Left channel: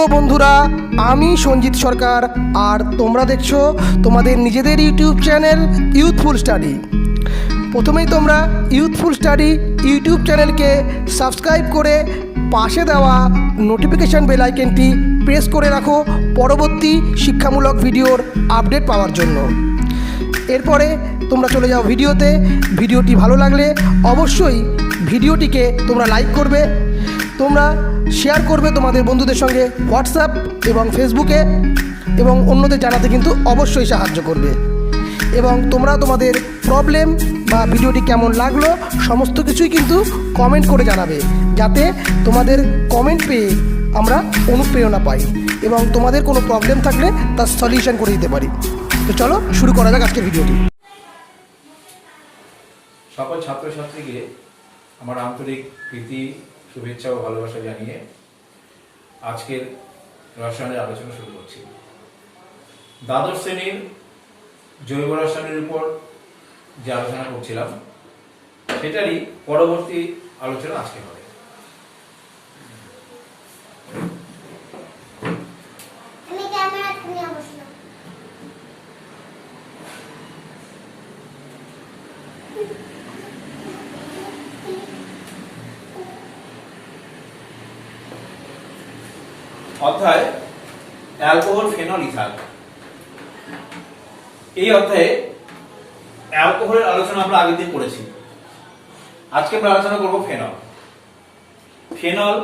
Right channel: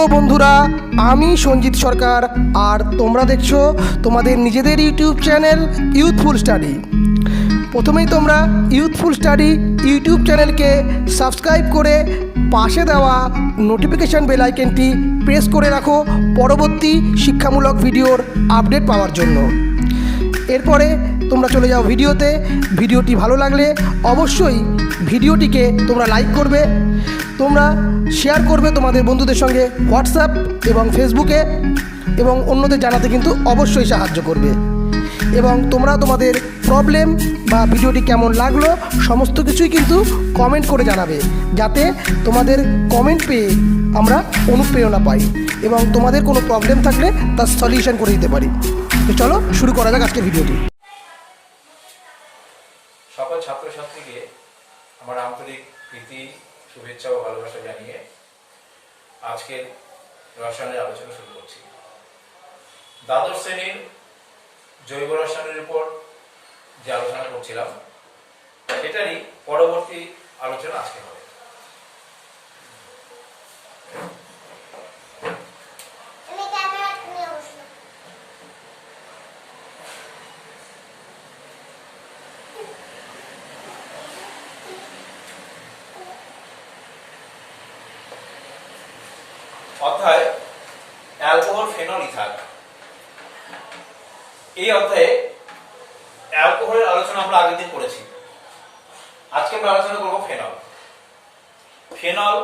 হ্যালো বন্ধুরা, আমি সঞ্জিত সরকার আর তোমরা দেখছো তোমাদের নিজেদের ইউটিউব চ্যানেল ইউথফুল স্টাডি। প্রথমেই তোমরা ইউথফুল স্টাডি ইউটিউব চ্যানেলকে সাবস্ক্রাইব করে পাশে দেওয়া নোটিফিকেশান বেল আইকনটি প্রেস করে রাখো পরবর্তী শিক্ষামূলক ভিডিওর আপডেট পাওয়ার জন্য। এরপরে তোমরা চলে যাও ভিডিওতে। ভিডিওটি ভালো লাগলে অবশ্যই ভিডিওটিকে তোমরা লাইক করবে, তোমরা শেয়ার করবে তোমাদের বন্ধুদের সঙ্গে হোয়াটসঅ্যাপ এবং ফেসবুকে, এবং অন্যদের জানাতে কিন্তু অবশ্যই সাহায্য করবে। এবং তোমরা তোমাদের প্রবলেম বা ভিডিওটি কেমন লাগলো সমস্ত কিছুই কিন্তু কমেন্ট করে জানাবে, যাতে তোমাদের কমেন্ট পেয়ে আমরা অনুপ্রেরণা পাই এবং তোমাদের কোনো প্রবলেম থাকলে তার সলিউশন করে দিতে পারি। তো চলো শুরু করা যাক আজকের ভিডিওটি। সকল ছাত্রছাত্রীকে আমার আন্তরিক প্রীতি, শুভেচ্ছা ও ভালোবাসা জানিয়ে আজকের রসায়নের আলোচনা শুরু করছি। দ্বাদশ শ্রেণীর জৈব রসায়নের উপর যে আলোচনা করছিলাম সেটারই পরবর্তী আলোচনা আজকে হবে। অধ্যায় অ্যালকোহল, ফেনল, ইথার। এই অধ্যায়ে অ্যালকোহলের আলোচনা আমরা আগের দিন করেছি। আজকে আমরা আলোচনা করব ফেনল। ফেনল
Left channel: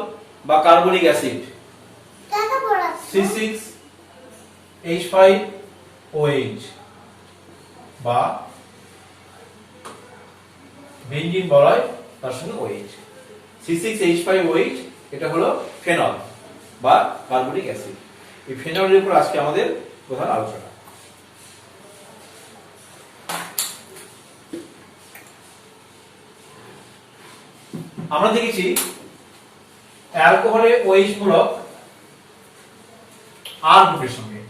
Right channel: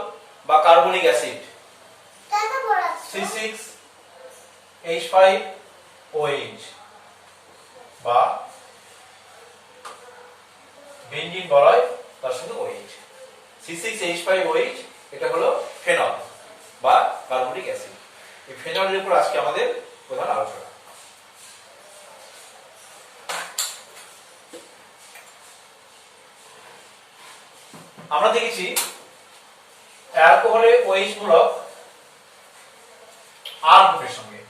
বা কার্বনিক অ্যাসিড C6H5OH বা বেঞ্জিন বলয়, তার সঙ্গে OH। C6H5OH এটা হলো ফেনল বা কার্বনিক অ্যাসিড। এই ফেনলের উপর আজকে আমাদের প্রধান আলোচনা। আমরা দেখেছি অ্যালকোহলে OH মূলক R গ্রুপের সঙ্গে,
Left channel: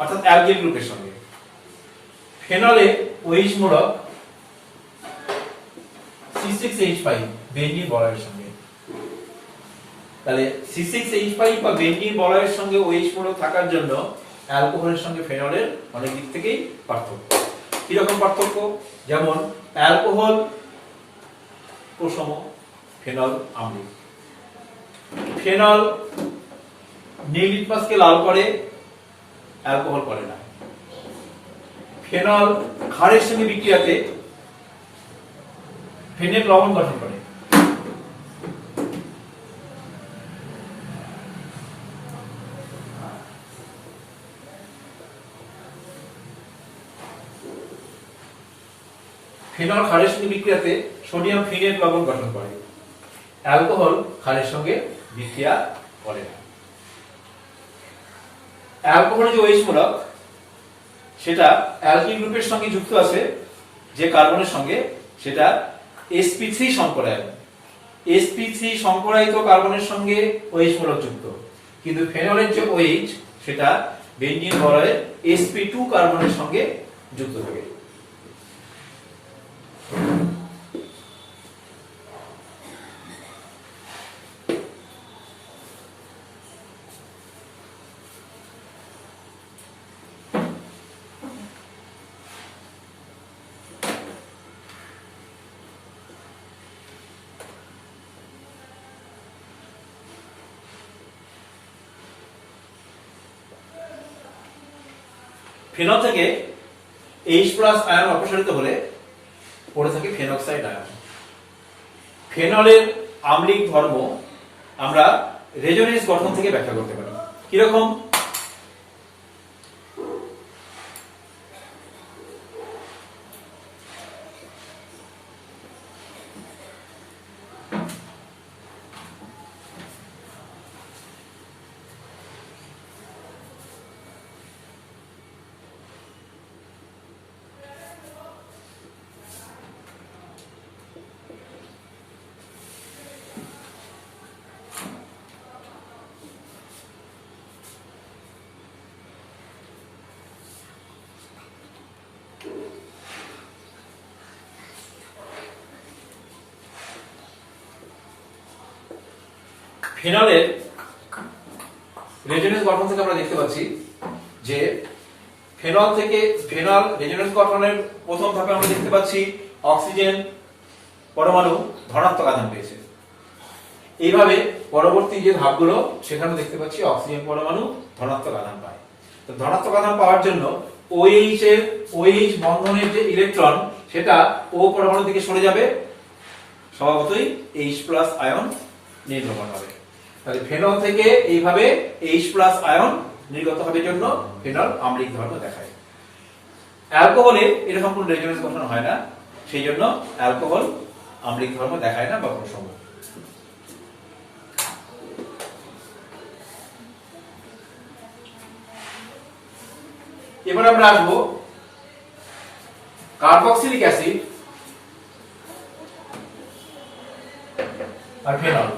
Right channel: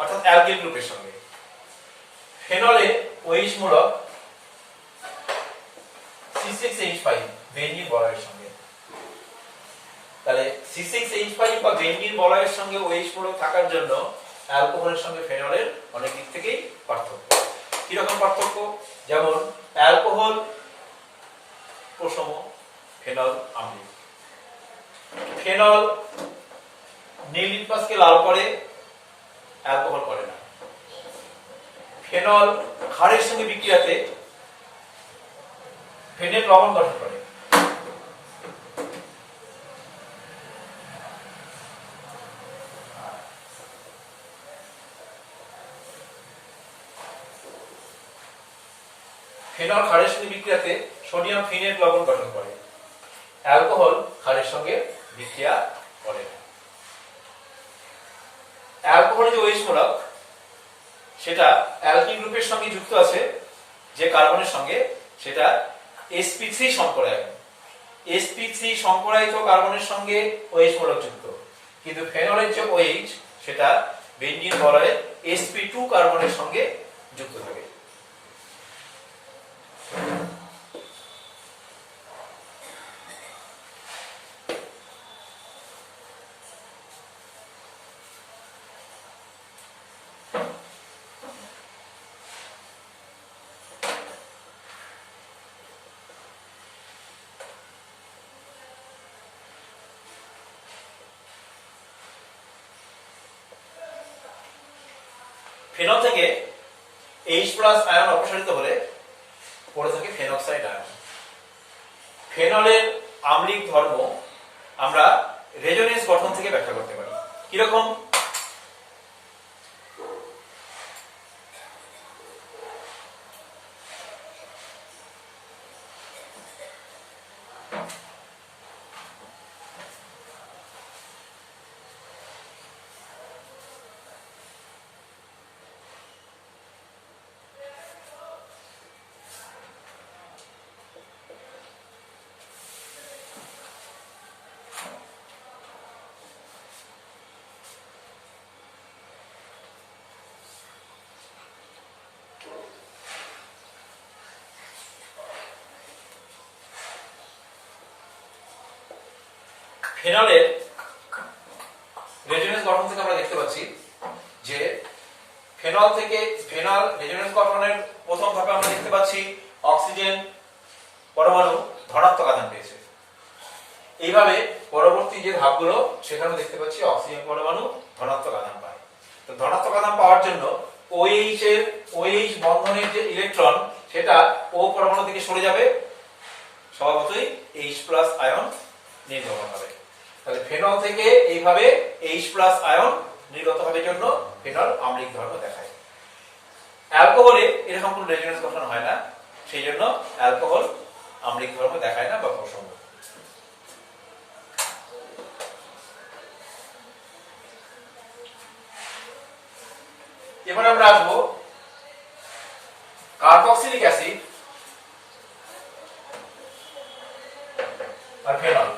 অর্থাৎ অ্যালকিল গ্রুপের সঙ্গে। ফেনলে OH মূলক C6H5 বেঞ্জিন বলয়ের সঙ্গে। তাহলে C6H5 বা বেঞ্জিন বলয়ের সঙ্গে OH মূলক থাকার জন্য অ্যালকোহলের সঙ্গে ফেনলের অনেক দিক থেকেই পার্থক্য। কি রকম পার্থক্য? যেমন অ্যালকোহল প্রশম, ফেনল আম্লিক। ফেনল নীল লিটমাসকে লাল করে, অ্যালকোহল করে না। ফেনল ক্ষারের সঙ্গে বিক্রিয়াতে ফেনেল লবণ গঠন করে। ফেনল ক্ষারের সঙ্গে বিক্রিয়াতে সোডিয়াম ফিনেট লবণ গঠন করে। অ্যালকোহল ক্ষারের সঙ্গে বিক্রিয়া করে না। অ্যালকোহলের যে OH মূলক সেটা অ্যালকিল গ্রুপের সঙ্গে যুক্ত আছে যে কার্বনের সঙ্গে, সেটা sp3 সংকরায়ন। sp3 সংকরায়িত কার্বনের সঙ্গে OH মূলক যুক্ত, কিন্তু ফেনলের যে OH সেটা বেঞ্জিন বলয়ের sp2 কার্বনের সঙ্গে যুক্ত থাকে। ফেনল থেকে H+ আয়ন অপসারিত হলে পড়ে থাকে ফেনক্সাইড আয়ন। ফেনলের আম্লিক ধর্ম আমরা রেজোনেন্স গঠন থেকে ব্যাখ্যা করতে পারি। কিরকম? ফেনলের রেজোনেন্স গঠন থেকে আমরা দেখতে পাচ্ছি যে ফেনল থেকে ফেনল রেজোনেন্স গঠনের প্রথম ধাপে আমরা দেখতে পাচ্ছি অক্সিজেন পরমাণু ধনাত্মক আধান পেয়েছে। এইভাবে পরবর্তী যে ধাপগুলো সেখানে দেখতে পাচ্ছি অক্সিজেন পরমাণু ধনাত্মক আধান পায়। তো ধনাত্মক আধান পাওয়ার জন্য OH বন্ধনের যে ইলেকট্রন সেটা O পরমাণু থেকে সরে যাবে, স্বভাবতই H+ আয়ন নির্গমন হবে। তাহলে ফেনল থেকে এইভাবে H+ আয়ন নির্গত হবে জন্য ফেনল আম্লিক ধর্ম দেখায়। অ্যালকোহলে এরকম কোনো রেজোনেন্স গঠন হয় না, সেই জন্য অ্যালকোহল আম্লিক ধর্ম দেখায় না বা প্রসঙ্গ। এবার আমরা আসবো কার্বক্সিলিক অ্যাসিড আর ফেনল,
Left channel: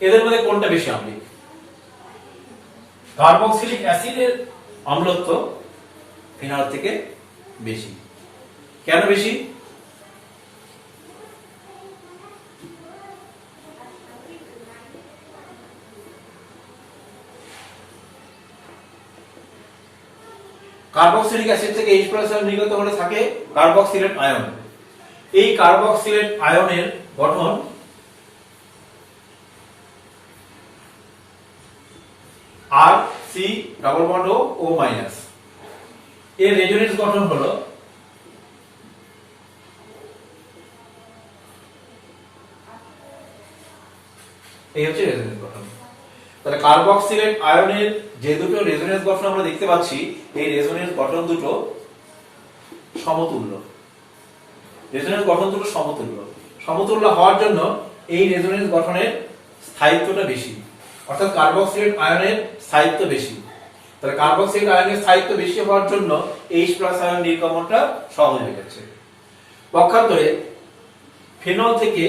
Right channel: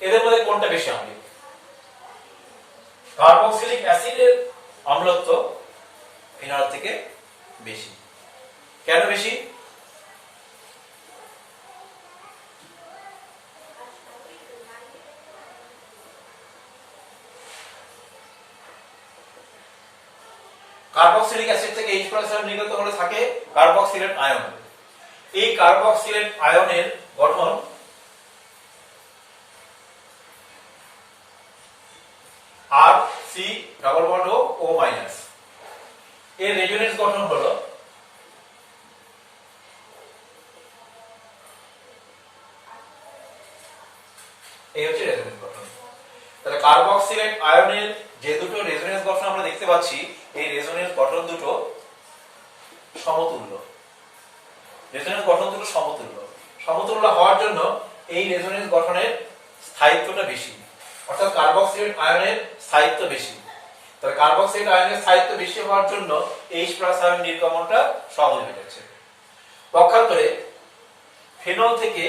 এদের মধ্যে কোনটা বেশি আম্লিক? কার্বক্সিলিক অ্যাসিডের অম্লত্ব ফেনল থেকে বেশি। কেন বেশি? কার্বক্সিলিক অ্যাসিড থেকে H+ আয়ন নির্গত হলে থাকে কার্বক্সিলেট আয়ন। এই কার্বক্সিলেট আয়নের গঠন R⁻C⁻O-। এর রেজোনেন্স গঠন হলো এই হচ্ছে রেজোনেন্স গঠন। তাহলে কার্বক্সিলেট আয়নের যে দুটো রেজোনেন্স গঠন আমরা দেখতে পাচ্ছি, এই রেজোনেন্স গঠন দুটো সমতুল্য। রেজোনেন্স গঠন দুটো সমতুল্য। সমতুল্য হওয়ার জন্য এই রেজোনেন্স গঠনের স্থায়িত্বটা বেশি, অর্থাৎ কার্বক্সিলেট আয়নের স্থায়িত্ব বেশি। তাহলে কার্বক্সিলেট আয়নের স্থায়িত্ব বেশি হওয়ার জন্য H+ আয়ন নির্গমনটা সহজ হয়ে যাচ্ছে। পক্ষান্তরে ফেনল থেকে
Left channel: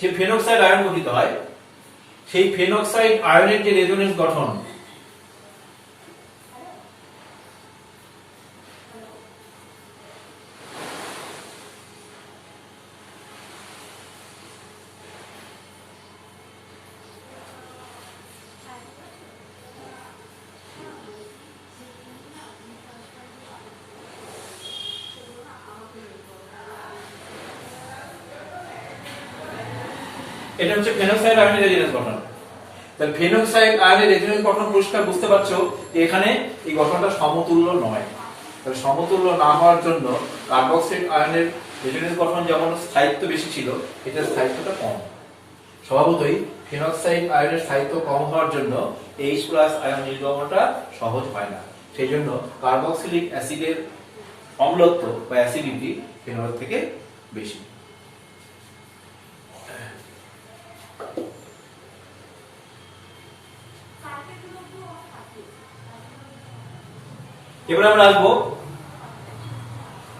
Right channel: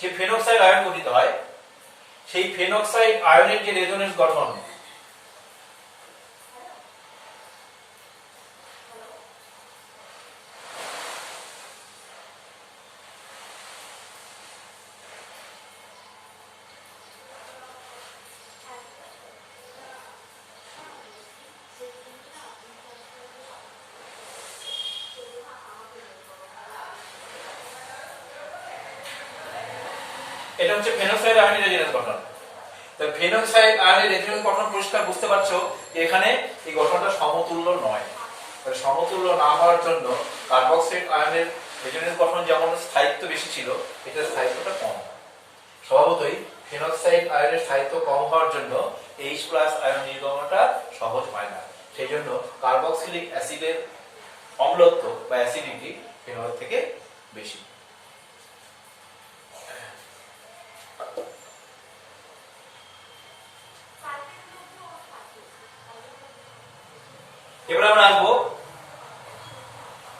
যে ফেনক্সাইড আয়ন গঠিত হয়, সেই ফেনক্সাইড আয়নের যে রেজোনেন্স গঠন এটা হচ্ছে ফেনক্সাইড আয়নের রেজোনেন্স গঠন। তাহলে ফেনক্সাইড আয়নের রেজোনেন্স গঠন পরিষ্কার বুঝতে পারছো যে এখানে এই গঠনটা সমতুল্য নয়। তাহলে সমতুল্য না হওয়ার জন্য কার্বক্সিলেট আয়নের রেজোনেন্স গঠন যেমন স্থায়িত্ব বেশি ছিল, এটার স্থায়িত্বটা কম। স্বভাবতই ফেনক্সাইড আয়নের স্থায়িত্ব কম হওয়ার জন্য H+ আয়ন নির্গমনটা সহজ হয় না। সেই জন্য কার্বক্সিলিক অ্যাসিডের অম্লত্ব বা অ্যাসিডিটি ফেনলের থেকে বেশি। এবার আমরা আসবো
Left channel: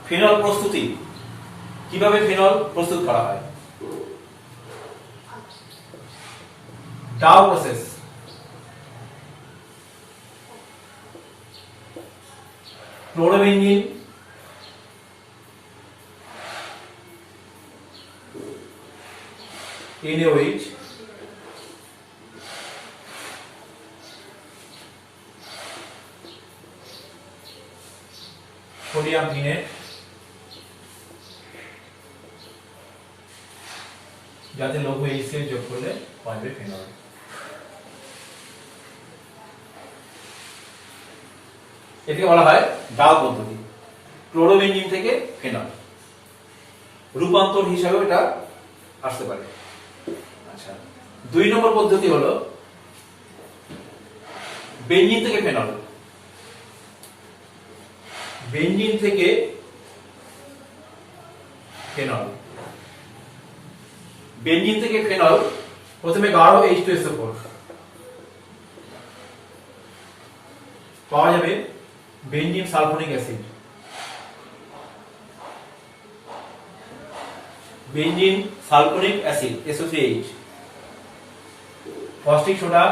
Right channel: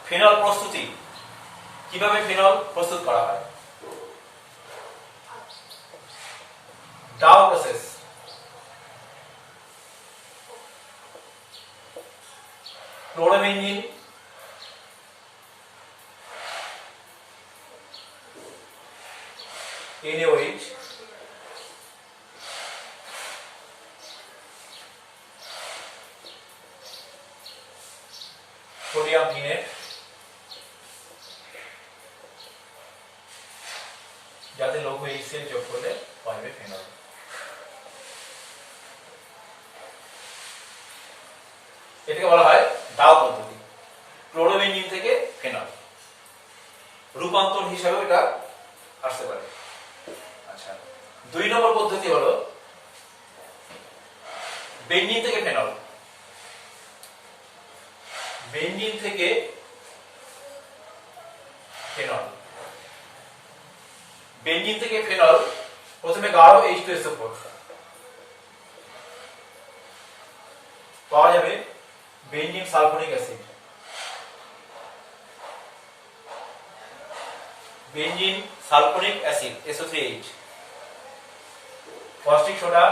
ফেনল প্রস্তুতি, কিভাবে ফেনল প্রস্তুত করা হয়। Dow process. Chlorobenzene, NaOH, sodium phenate, যাতে লৌহ HCl যোগ করলে পাবে ফেনল। এটাকে বলা হয় ডাউ পদ্ধতি। ক্লোরোবেনজিন থেকে ফেনল রূপান্তর হিসাবে এটা আসতে পারে। আচ্ছা, 2 নম্বর পদ্ধতি হলো বেনজিন থেকে ফেনল। বেনজিন থেকে ফেনল, বেনজিন থেকে ফেনল প্রথমে গাঢ় H2SO4 পাওয়া যাবে benzene sulphonic acid, benzene sulphonic acid SO3H, caustic soda,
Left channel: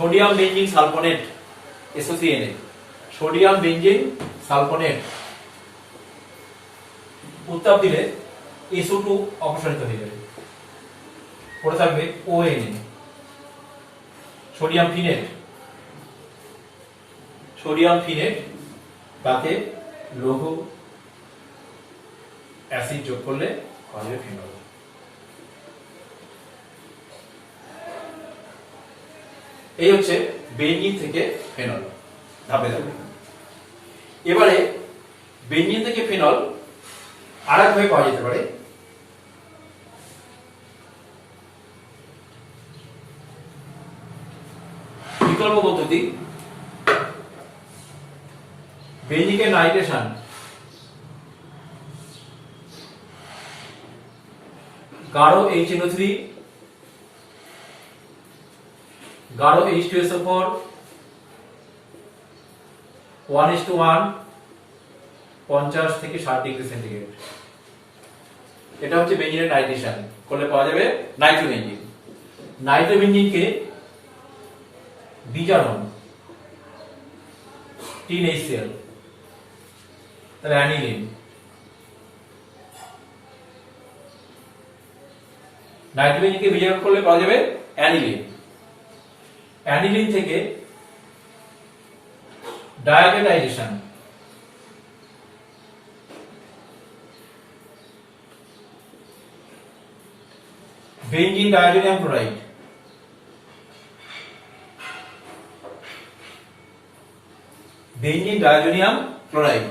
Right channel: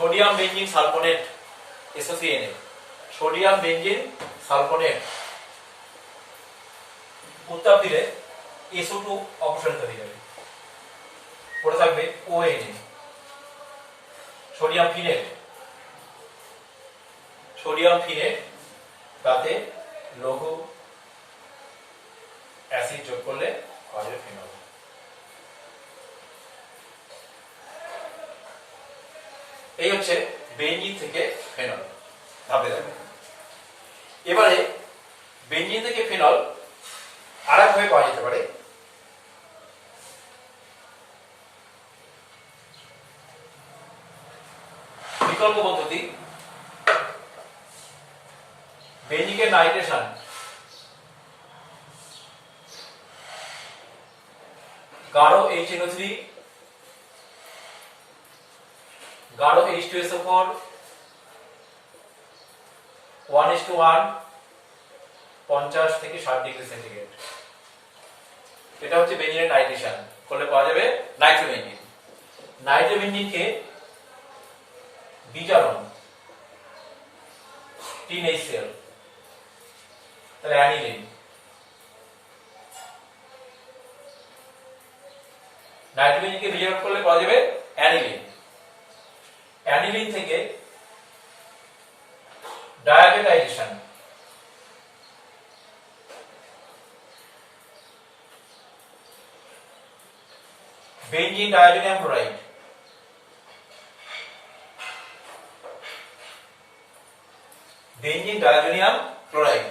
sodium benzene sulphonate SO3Na, sodium benzene sulphonate উত্তাপ দিলে SO2 অপসারিত হয়ে যাবে, পড়ে থাকবে ONA। সোডিয়াম ফিনেট, সোডিয়াম ফিনেট তাতে লঘু অ্যাসিড যোগ করলে পাওয়া যাবে ফিনল। এই হচ্ছে বেঞ্জিন থেকে ফেনল ধাপে ধাপে। এবারে বেঞ্জিন থেকে ফেনল আরেকভাবে পাওয়া যেতে পারে। বিকল্প পদ্ধতি, বেঞ্জিনের নাইট্রেশন গাঢ় HNO3 গাঢ় H2SO4 1:1 50 থেকে 60 ডিগ্রি সেন্টিগ্রেড। এটা হচ্ছে বেঞ্জিনের নাইট্রেশন করলে পাওয়া যাবে নাইট্রোবেঞ্জিন। নাইট্রোবেঞ্জিনকে বিজারণ 3HCl, তাহলে অ্যানিলিন। নাইট্রোবেঞ্জিনকে বিজারণ করলে পাওয়া যাবে অ্যানিলিন। অ্যানিলিন থেকে diazotization benzene diazonium chloride, benzene diazonium chloride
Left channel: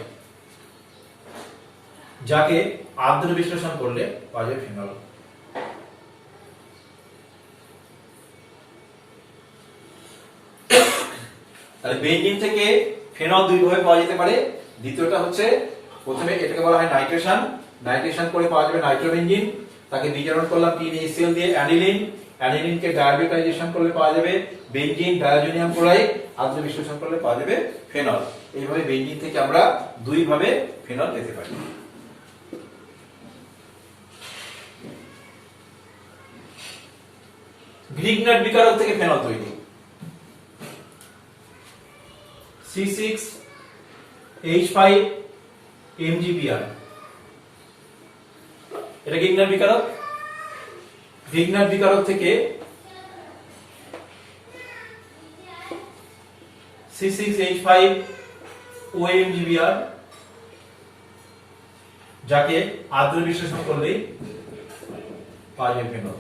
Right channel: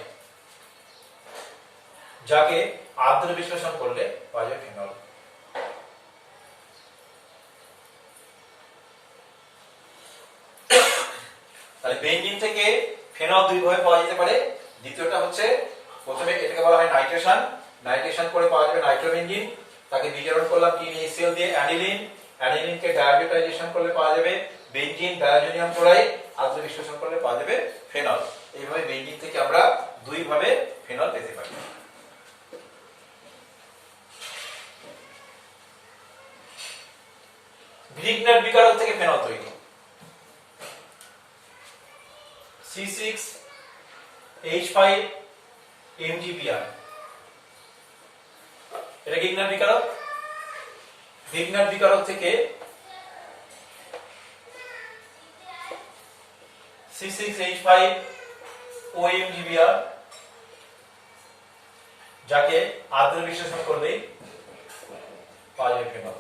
যাকে আর্দ্র বিশ্লেষণ করলে পাওয়া যাবে ফেনল। তাহলে বেঞ্জিন থেকে ফেনল দুই ভাবে পাওয়া যেতে পারে। দ্বিতীয়টা হচ্ছে, প্রথমে এটাকে বলা হয় নাইট্রেশন, নাইট্রেশন করে পাওয়া যাবে নাইট্রোবেঞ্জিন, তাকে বিজারণ করলাম 3HCl দিয়ে অ্যানিলিন, অ্যানিলিনকে ডায়াবেটাইজেশন করলে পাওয়া যাবে বেঞ্জিন ডায়াজোনিয়াম ক্লোরাইড, আর্দ্র বিশ্লেষণ করলে পাওয়া যাবে ফেনল। এইভাবে বেঞ্জিন থেকে আমরা দুই ভাবে ফেনল পেতে পারি। গ্রিগনার বিকারক থেকে ফেনল তৈরি, C6H5MgBr, এটা গ্রিগনার বিকারক। গ্রিগনার বিকারক থেকে C6H5OMgBr যাকে আর্দ্র বিশ্লেষণ করলেই পাওয়া যাবে ফেনল।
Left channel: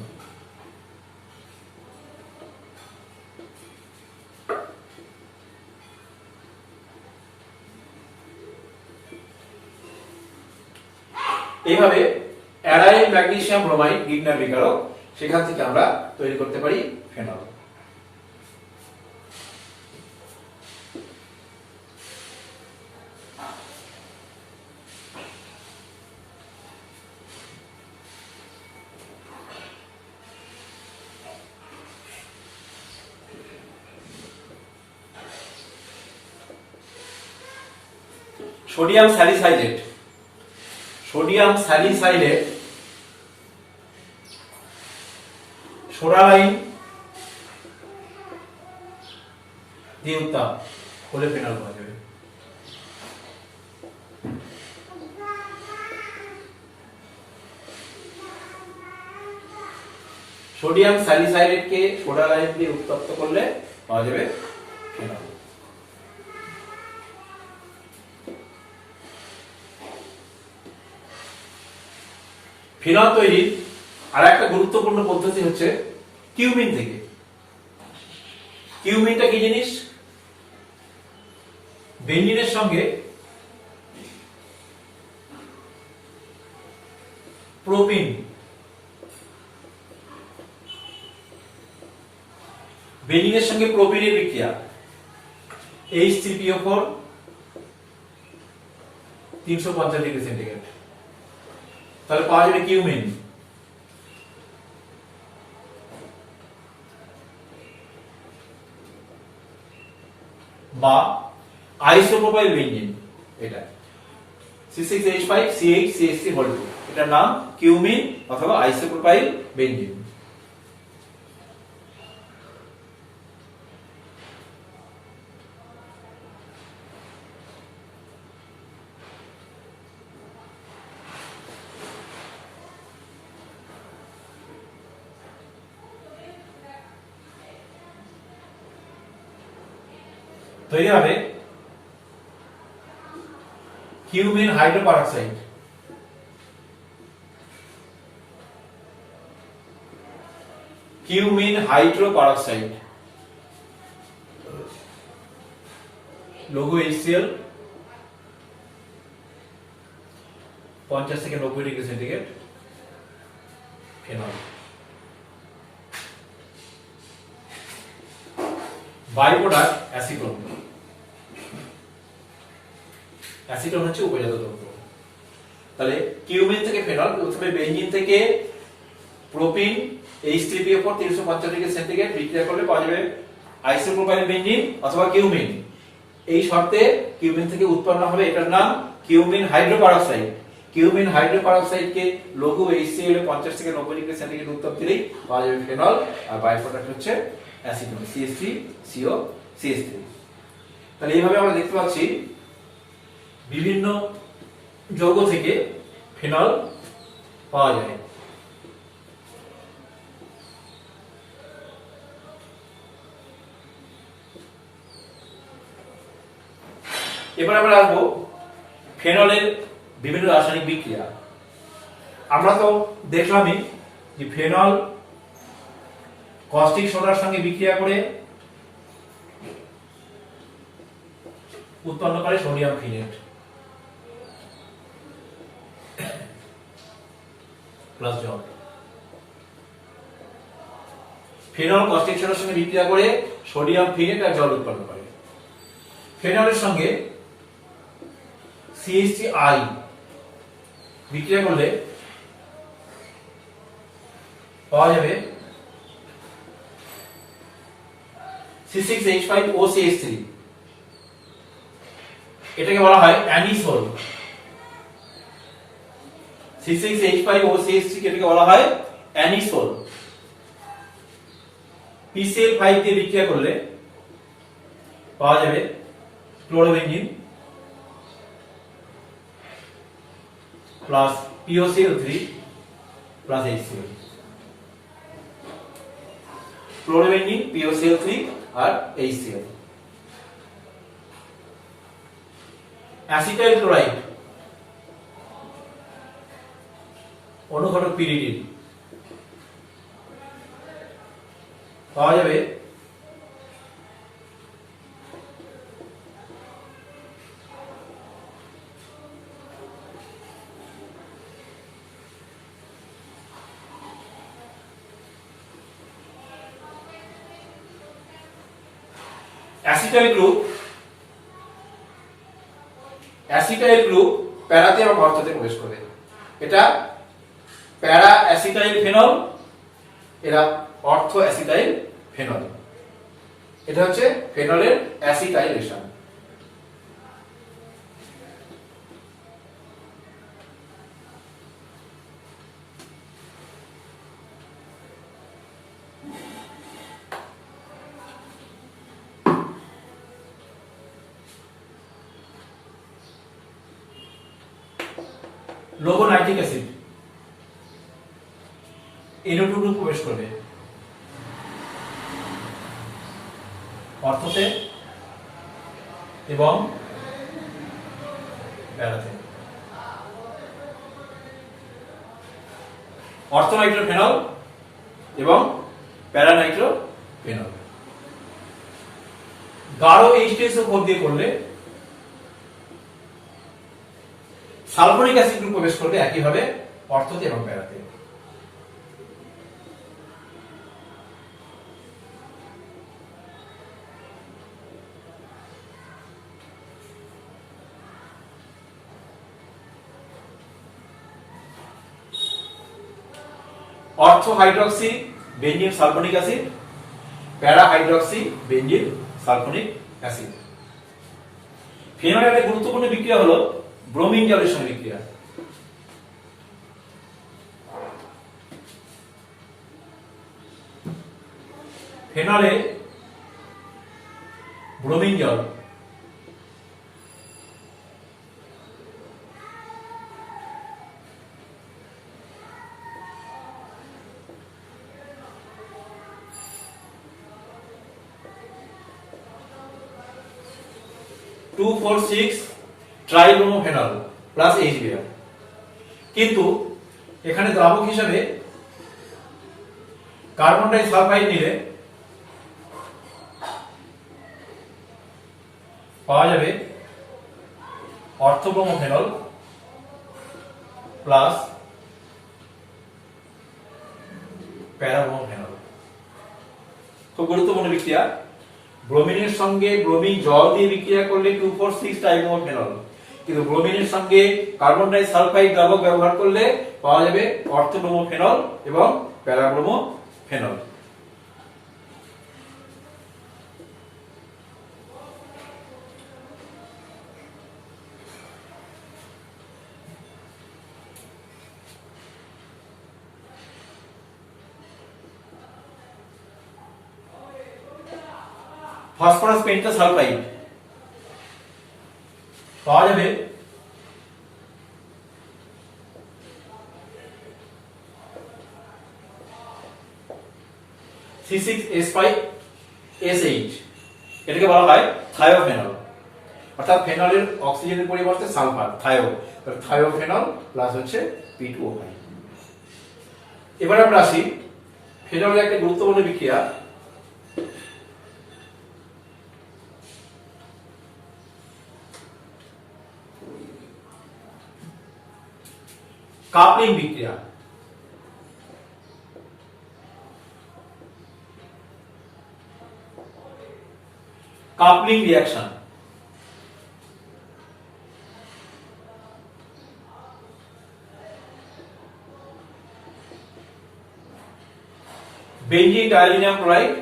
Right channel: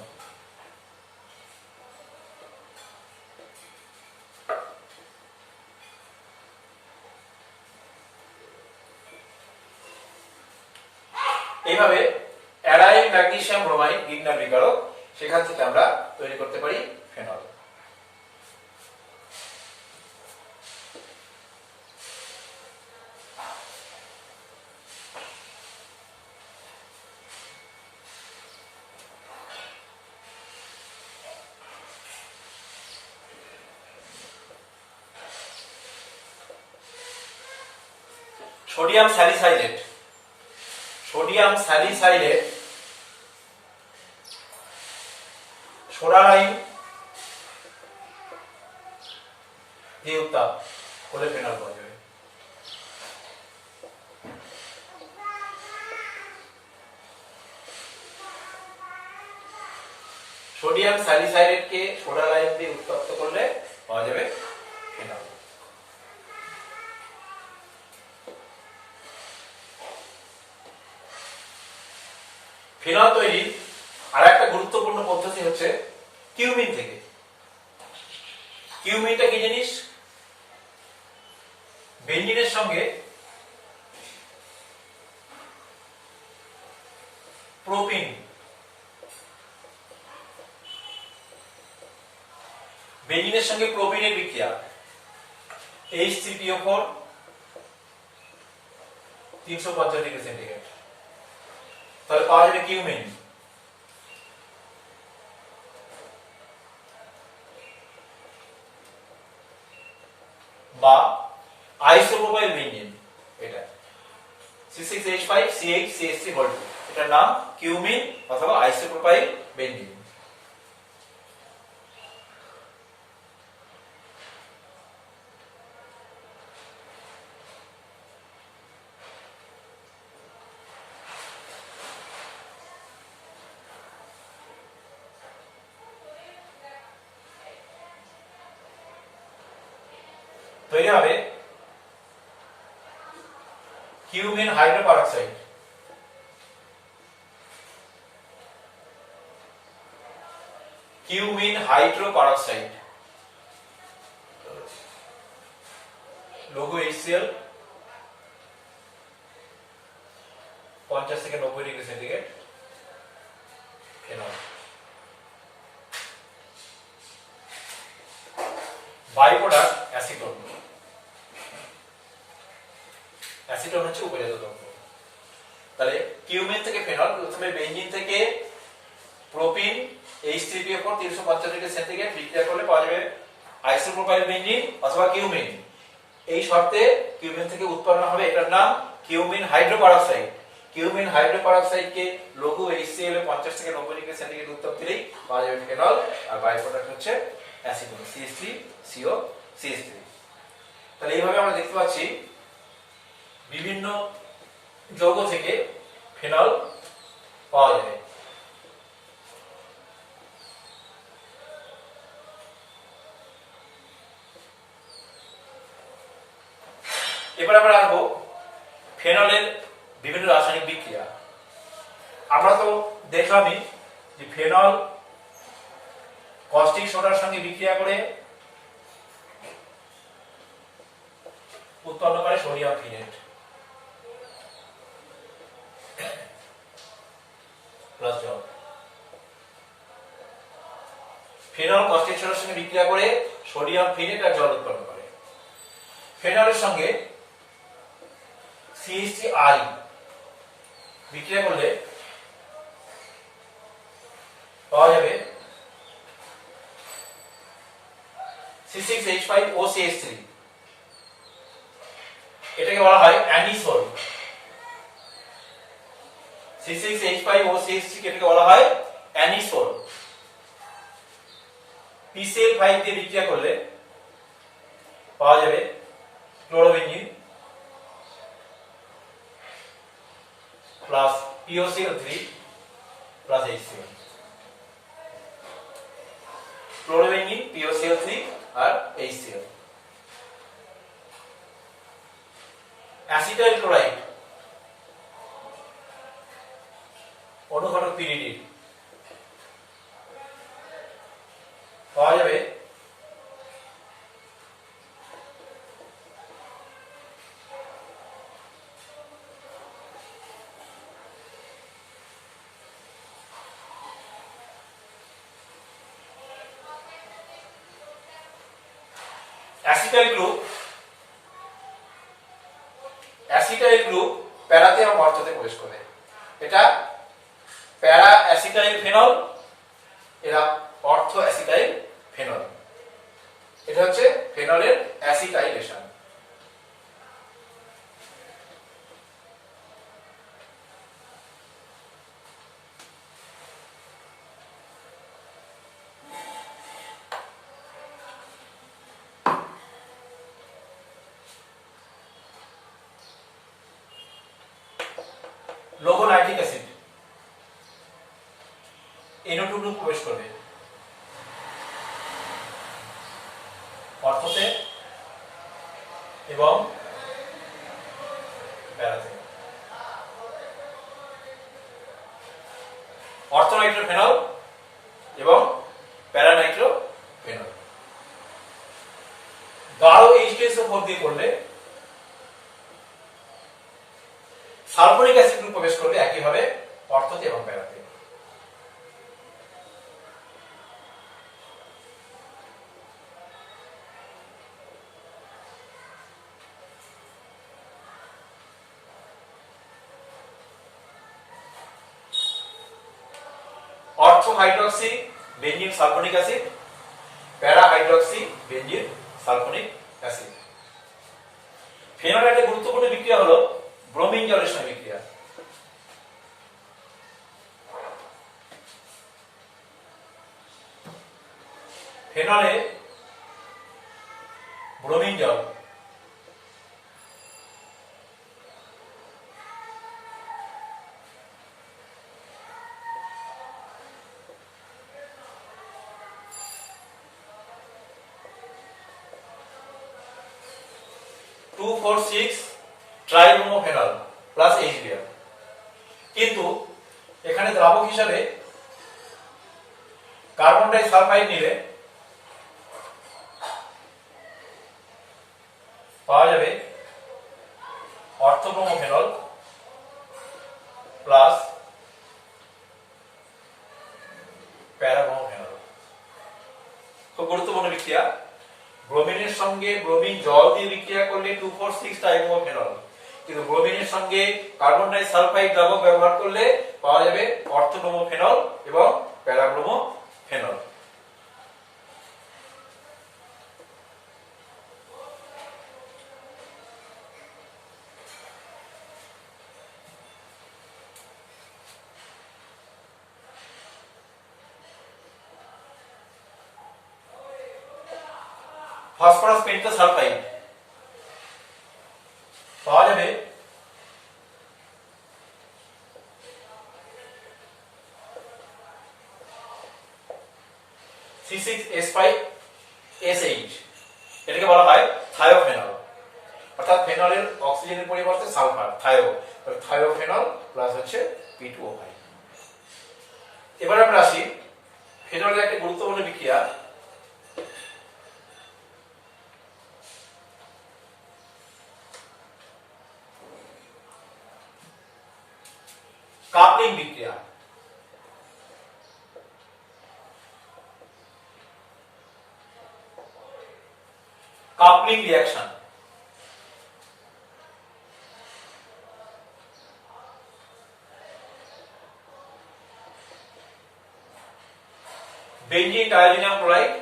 এইভাবে অ্যারাইল ম্যাগনেসিয়াম ব্রোমাইড গ্রিগনার বিকারক, সেখান থেকে আমরা তৈরি করতে পারি phenol. Sodium salicylate, sodium salicylate soda lime দিয়ে উত্তাপ করলে ফেনল পাওয়া যাবে। সোডিয়াম স্যালিসাইলেটকে সোডালাইম দিয়ে উত্তপ্ত করলে পাওয়া যাবে ফেনল। ফেনল তৈরির আর একটা গুরুত্বপূর্ণ পদ্ধতি হচ্ছে কিউমিন থেকে। কিউমিনটা কি জিনিস? বেঞ্জিনের সঙ্গে প্রোপিন, বেঞ্জিনের সঙ্গে প্রোপিনের বিক্রিয়া, HCPO4 350 ডিগ্রি সেন্টিগ্রেড, তাহলে পাওয়া যাবে কিউমিন। বা আইসোপ্রোপাইল বেঞ্জিন, এটা C6H5CH3 এটার নাম কিউমিন অথবা আইসোপ্রোপাইল বেঞ্জিন। তৈরি হবে কিউমিন হাইড্রোপারঅক্সাইড। কিউমিন হাইড্রোপারঅক্সাইড লঘু HCl 50 থেকে 90 degree centigrade phenol. By product acetone. Acetone হচ্ছে উপজাত দ্রব্য। তাহলে কিউমিন থেকে ফেনল, প্রথমে বেঞ্জিন থেকে প্রোপিন H3PO4 350 ডিগ্রি সেন্টিগ্রেড বিক্রিয়া করলে পাওয়া যাবে আইসোপ্রোপাইল বেঞ্জিন অথবা কিউমিন। এই শর্তে কিউমিন থেকে উৎপন্ন হবে এটার নাম কিউমিন হাইড্রোপারঅক্সাইড। কিউমিন হাইড্রোপারঅক্সাইডকে লঘু HCl এ 50 থেকে 90 ডিগ্রি সেন্টিগ্রেড উত্তাপ দিলেই পাওয়া যাবে ফেনল, আর বাই প্রোডাক্ট হচ্ছে অ্যাসিটোন CH3CO CH3। তাহলে এইভাবে আমরা দেখতে পাচ্ছি বিভিন্ন যৌগ থেকে ফেনল পাওয়া যায়। এবার আমরা আসবো ফেনলের বিভিন্ন রাসায়নিক বিক্রিয়া। আমরা তো দেখলামই যে ফেনল কস্টিক সোডার সঙ্গে বিক্রিয়া করে উৎপন্ন করে সোডিয়াম ফিনেট প্লাস জল। ফেনল কস্টিক সোডার সঙ্গে বিক্রিয়া করে সোডিয়াম ফিনেট আর জল উৎপন্ন করে। ফেনলের সঙ্গে CH3I বিক্রিয়া করলে পাওয়া যাবে C6H5OCH3। এটাকে বলা হয় অ্যানিসোল। C6H5OCH3 এটাকে বলা হয় অ্যানিসোল। PCl5 দিয়ে বিক্রিয়া করলে পাওয়া যাবে chlorobenzene plus POCl3 plus HCl। Chlorobenzene, POCl3 আর HCl। অ্যাসিটাইল ক্লোরাইড অনুঘটক পিরিডিন পাওয়া যাবে অ্যাসিটাইল গ্রুপ। অ্যাসিটাইল গ্রুপ প্যারাতে এবং অর্থতে প্রবেশ করে। এটা প্যারা অ্যাসিটাইল ফেনল, এরা অর্থ অ্যাসিটাইল ফেনল। এটা হচ্ছে ফেনলের অ্যাসিটাইলেশন। লঘু নাইট্রিক অ্যাসিড NO2 গ্রুপ প্রবেশ করবে অর্থতে এবং প্যারাতে। অর্থনাইট্রোফেনল এবং প্যারানাইট্রোফেনল। গাঢ় H2SO4 দিয়ে করলে সালফোনিক অ্যাসিড গ্রুপ প্রবেশ করবে একইভাবে অর্থতে এবং প্যারাতে। অর্থ হাইড্রক্সি বেঞ্জিন সালফোনিক অ্যাসিড, প্যারা হাইড্রক্সি বেঞ্জিন সালফোনিক অ্যাসিড। ফেনলের একটা গুরুত্বপূর্ণ বিক্রিয়া হলো ব্রোমিন জলের সঙ্গে বিক্রিয়া। ফেনলে ব্রোমিন জল 2,4,6 ট্রাইব্রোমোফেনল প্লাস HBr। কিন্তু এখানে দ্রাবক হিসাবে কার্বন ডাই সালফাইড নিলে পাওয়া যাবে অর্থোব্রোমোফেনল প্লাস প্যারাব্রোমোফেনল। খুব গুরুত্বপূর্ণ বিক্রিয়া। ব্রোমিনের সঙ্গে ব্রোমিন জল দিয়ে বিক্রিয়া করলে 2,4,6 ট্রাইব্রোমোফেনল, কিন্তু ব্রোমিনের সঙ্গে কার্বন ডাই সালফাইড দ্রাবক ব্যবহার করলে পাওয়া যাবে অর্থোব্রোমোফেনল এবং প্যারাব্রোমোফেনল। ফসফরাস পেন্টাসালফাইড পাওয়া যাবে C6H5SH, এটাকে বলা হয় থায়োফেনল। অর্থাৎ ফেনলের অক্সিজেনের পরিবর্তে সালফার, থায়োফেনল প্লাস হচ্ছে P2O5। এবার আমরা আসি ফেনলের একটা গুরুত্বপূর্ণ বিক্রিয়া কাপলিং বিক্রিয়া। Coupling reaction. বেঞ্জিন ডায়াজিনাম ক্লোরাইড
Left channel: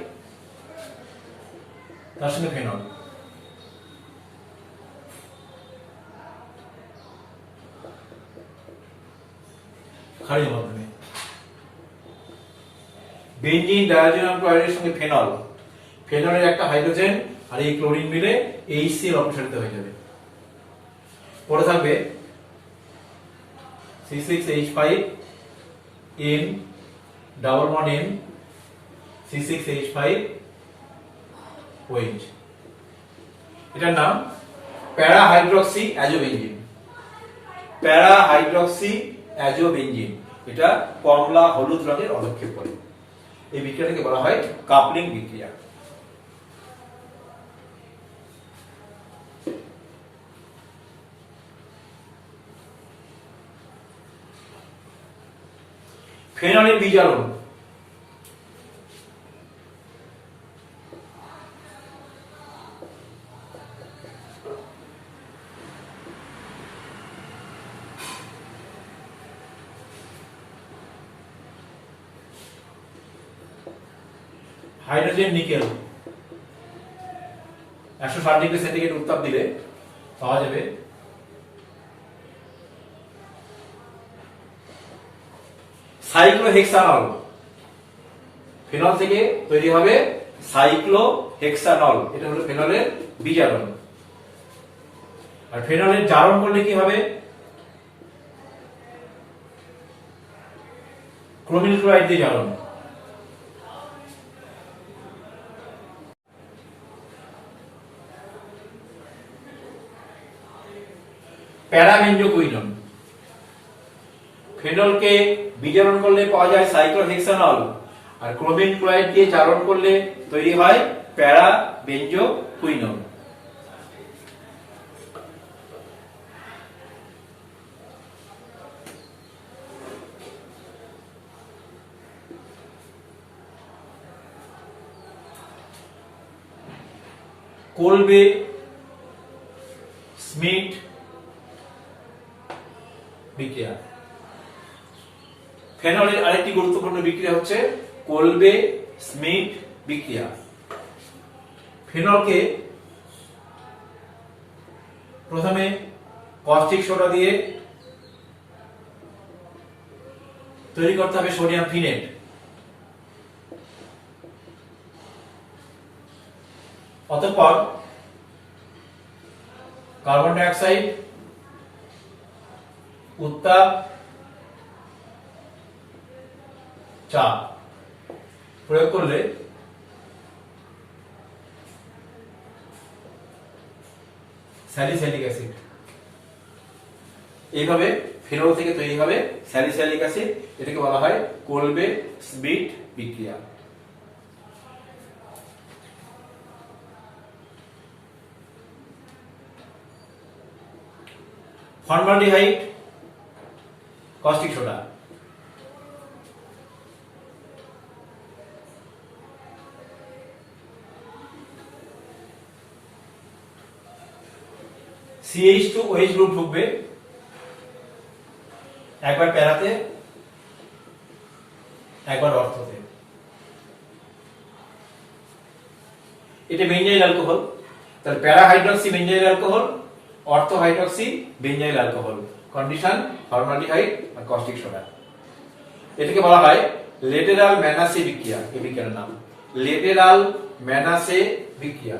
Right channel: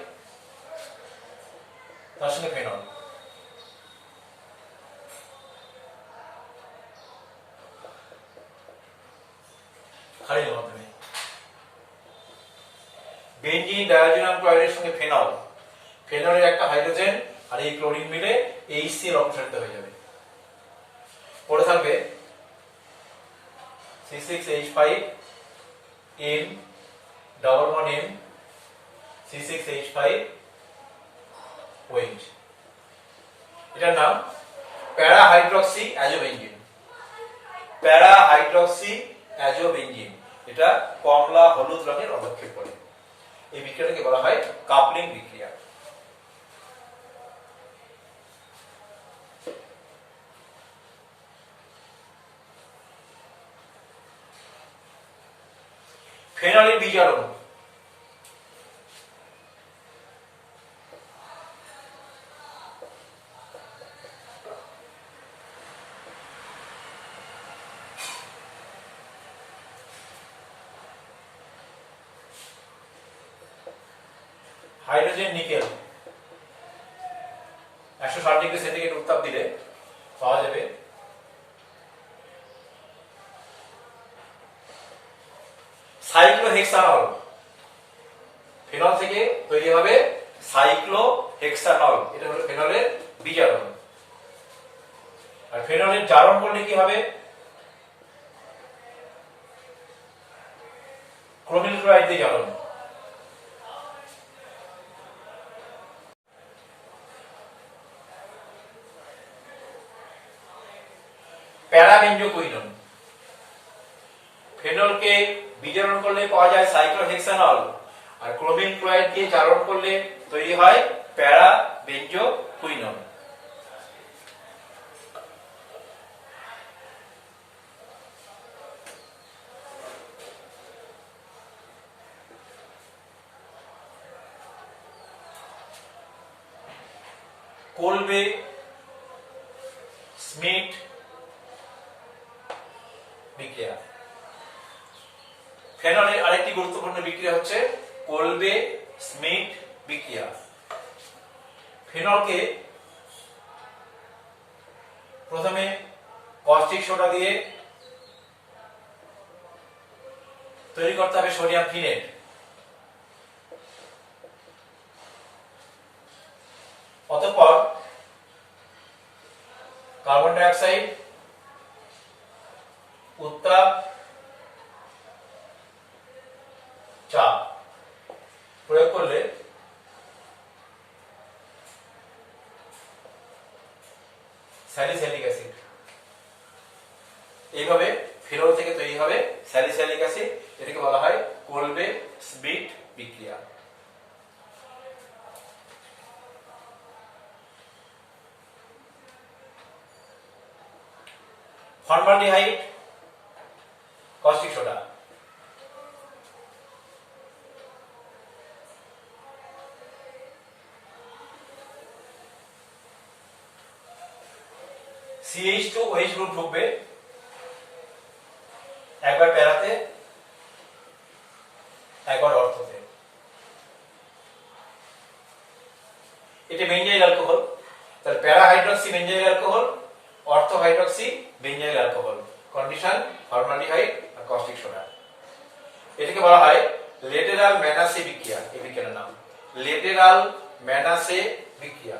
তার সঙ্গে ফেনল। ক্ষারীয় মাধ্যমে বেঞ্জিন ডায়াজিনাম ক্লোরাইডের সঙ্গে ফেনল, ফেনলের একটা হাইড্রোজেন আর এই ক্লোরিন মিলে HCl অপসারিত হয়ে যাবে। পরে থাকবে C6H5N double bond N C6H5OH। এটার নাম প্যারা হাইড্রক্সি অ্যাজোবেঞ্জিন। প্যারা হাইড্রক্সি অ্যাজোবেঞ্জিন, এটা কমলা হলুদ রঙের অবক্ষেপ করে। এই বিক্রিয়াটাকে বলা হয় কাপলিং বিক্রিয়া। ফেনলের বিজারণ। হাইড্রোজেন নিকেল 160 ডিগ্রি সেন্টিগ্রেড উত্তাপ দিলে পাওয়া যাবে সাইক্লোহেক্সানল। ফেনল থেকে তৈরি হবে সাইক্লোহেক্সানল, এটা হলো ফেনলের বিজারণ। আর ফেনলের জারণ করলে কি হবে? ক্রোমিল ক্লোরাইড দিয়ে জারণ। প্যারাবেঞ্জোকুইনন। ফেনলকে বিজারণ করলে পাওয়া যায় সাইক্লোহেক্সানল, আর ক্রোমিন ক্লোরাইড দিয়ে জারণ করলে তৈরি হয় প্যারাবেঞ্জোকুইনন। কোলবে স্মিথ বিক্রিয়া। ফেনলের আরেকটি গুরুত্বপূর্ণ বিক্রিয়া হচ্ছে কোলবে স্মিথ বিক্রিয়া। ফেনলকে প্রথমে কস্টিক সোডা দিয়ে তৈরি করতে হবে সোডিয়াম ফিনেট। অতঃপর কার্বন ডাই অক্সাইড, উত্তাপ, চাপ প্রয়োগ করলে স্যালিসাইলিক অ্যাসিড। এইভাবে ফেনল থেকে তৈরি হবে স্যালিসাইলিক অ্যাসিড, এটাকে বলা হয় কোলবে স্মিট বিক্রিয়া। Formaldehyde, caustic soda. CH2OH group ঢুকবে একবার প্যারাতে একবার অর্থতে। এটা বেঞ্জাইল অ্যালকোহল, তাহলে para hydroxy benzyl alcohol, ortho hydroxy benzyl alcohol, condition formaldehyde আর কস্টিক সোডা। এটাকে বলা হয় লেটেরাল ম্যানাসে বিক্রিয়া। এই বিক্রিয়ার নাম লেটেরাল ম্যানাসে বিক্রিয়া।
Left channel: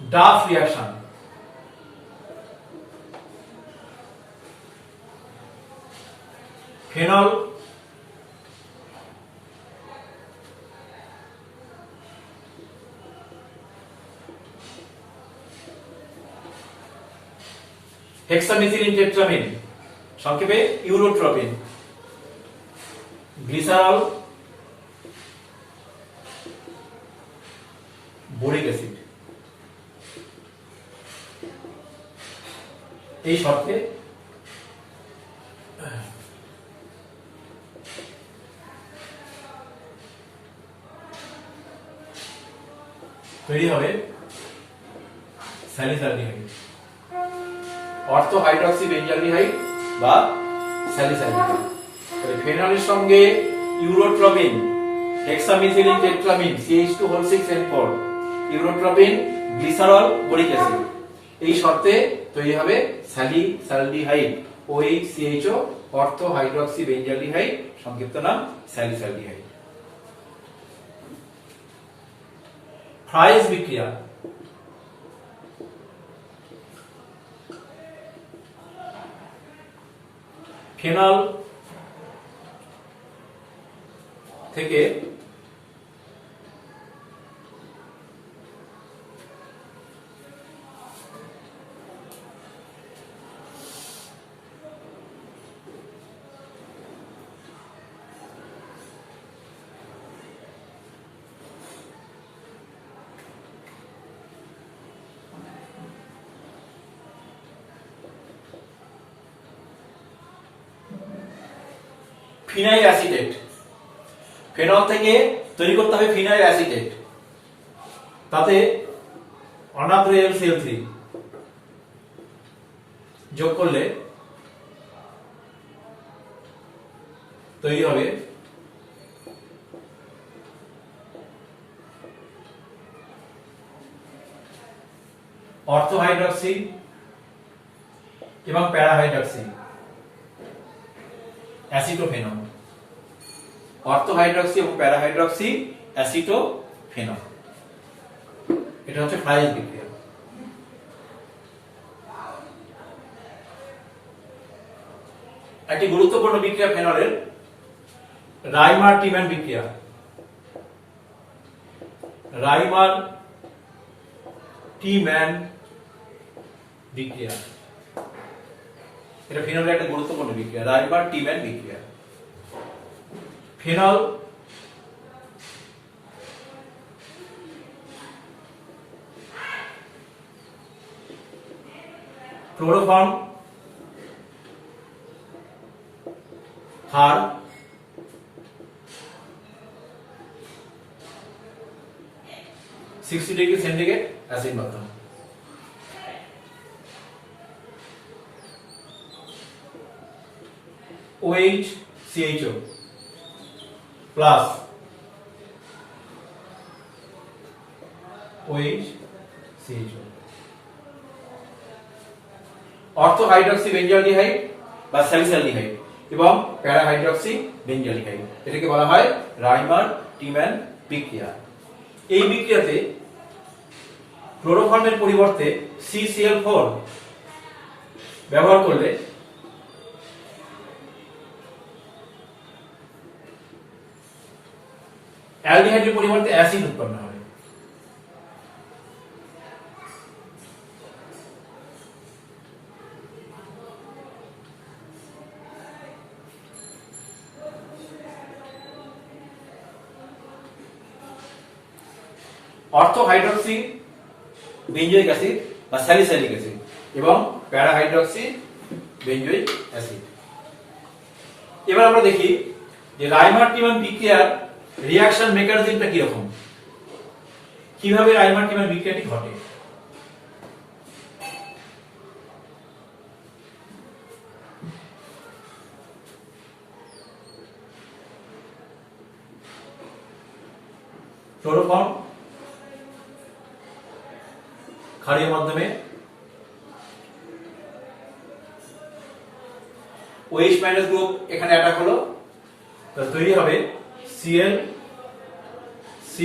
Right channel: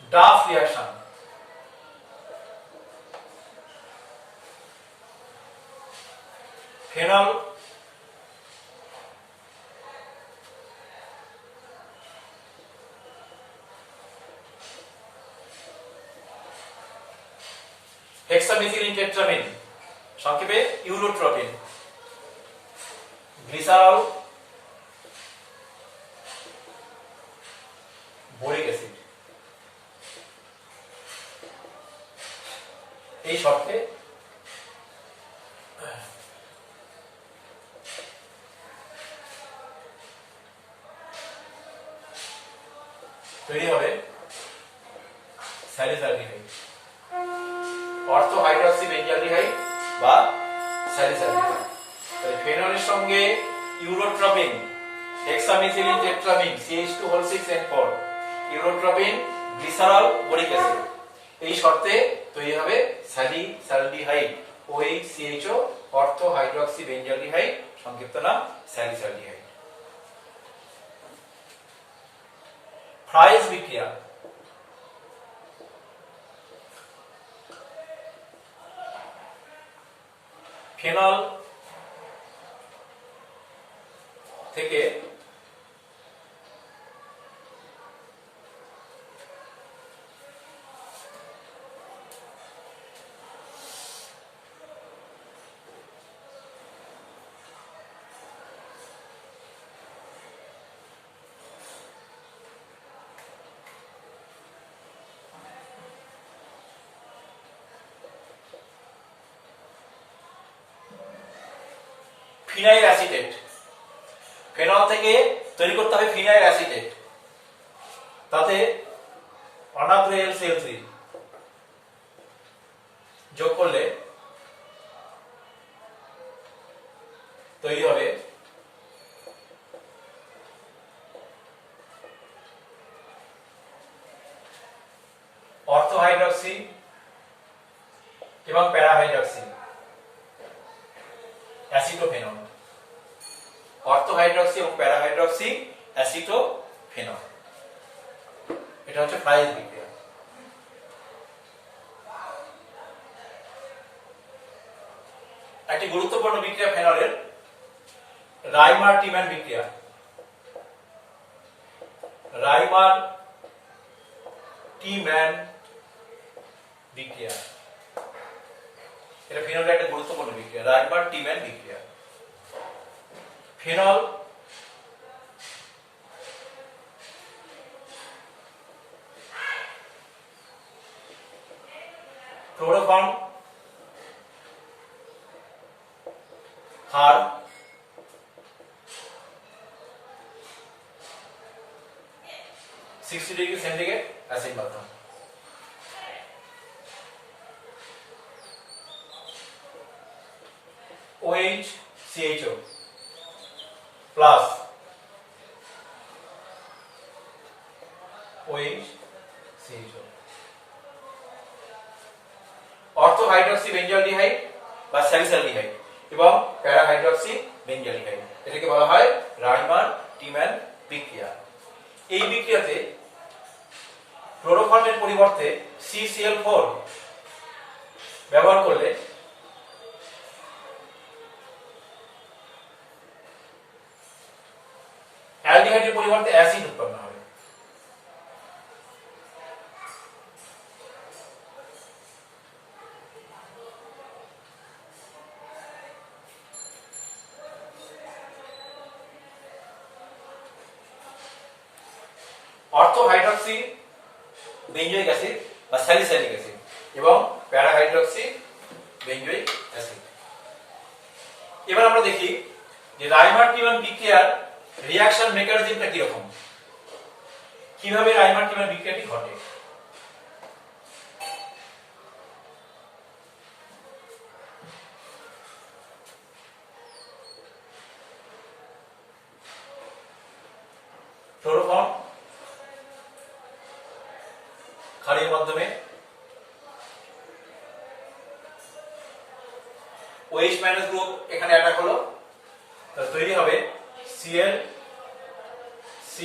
ডাফ রিঅ্যাকশন, ফেনল হেক্সামিথিলিন টেট্রামিন, সংক্ষেপে ইউরোট্রপিন, গ্লিসারল, বোরিক অ্যাসিড। এই শর্তে তৈরি হবে স্যালিসাইলডিহাইড, অর্থো হাইড্রক্সি বেঞ্জালডিহাইড বা স্যালিসাইলডিহাইড। তাহলে ফেনলের সঙ্গে ইউরোট্রপিন, হেক্সামিথিলিন টেট্রামিন CH2O6N4, ইউরোট্রপিন, গ্লিসারল, বোরিক অ্যাসিড। এই শর্তে তৈরি হবে স্যালিসাইলডিহাইড, OHCHO, অর্থো হাইড্রক্সি বেঞ্জালডিহাইড, সংক্ষিপ্ত নাম স্যালিসাইলডিহাইড। ফ্রাইজ বিক্রিয়া, ফেনল থেকে ফিনাইল অ্যাসিটেট, ফেনল থেকে তৈরি করতে হবে ফিনাইল অ্যাসিটেট, তাতে অনার্দ্র LCl3 যোগ করলে তৈরি হবে অর্থো হাইড্রক্সি এবং প্যারা হাইড্রক্সি অ্যাসিটোফেনল, অর্থো হাইড্রক্সি এবং প্যারা হাইড্রক্সি অ্যাসিটোফেনল। এটা হচ্ছে ফ্রাইজ বিক্রিয়া। একটি গুরুত্বপূর্ণ বিক্রিয়া ফেনলের রাইমার টিম্যান বিক্রিয়া। রাইমার টিম্যান বিক্রিয়া, এটা ফেনলের একটা গুরুত্বপূর্ণ বিক্রিয়া, রাইমার টিম্যান বিক্রিয়া। ফেনল ক্লোরোফর্ম ক্ষার $60°C অ্যাসিড মাধ্যম। OHCHO প্লাস OHCHO, অর্থো হাইড্রক্সি বেঞ্জালডিহাইড বা স্যালিসাইলডিহাইড এবং প্যারা হাইড্রক্সি বেঞ্জালডিহাইড, এটাকে বলা হয় রাইমার টিম্যান বিক্রিয়া। এই বিক্রিয়াতে ক্লোরোফর্মের পরিবর্তে CCl4 ব্যবহার করলে অ্যালডিহাইডের পরিবর্তে অ্যাসিড উৎপন্ন হবে। অর্থো হাইড্রক্সি বেঞ্জয়িক অ্যাসিড বা স্যালিসাইলিক অ্যাসিড এবং প্যারা হাইড্রক্সি বেঞ্জয়িক অ্যাসিড। এবার আমরা দেখি যে রাইমার-টিমান বিক্রিয়ার রিঅ্যাকশন মেকানিজমটা কি রকম, কিভাবে রাইমার-টিমান বিক্রিয়াটি ঘটে। ক্লোরোফর্ম ক্ষারীয় মাধ্যমে OH মাইনাস গ্রুপ এখানে অ্যাটাক হলো, তাহলে তৈরি হবে Cl C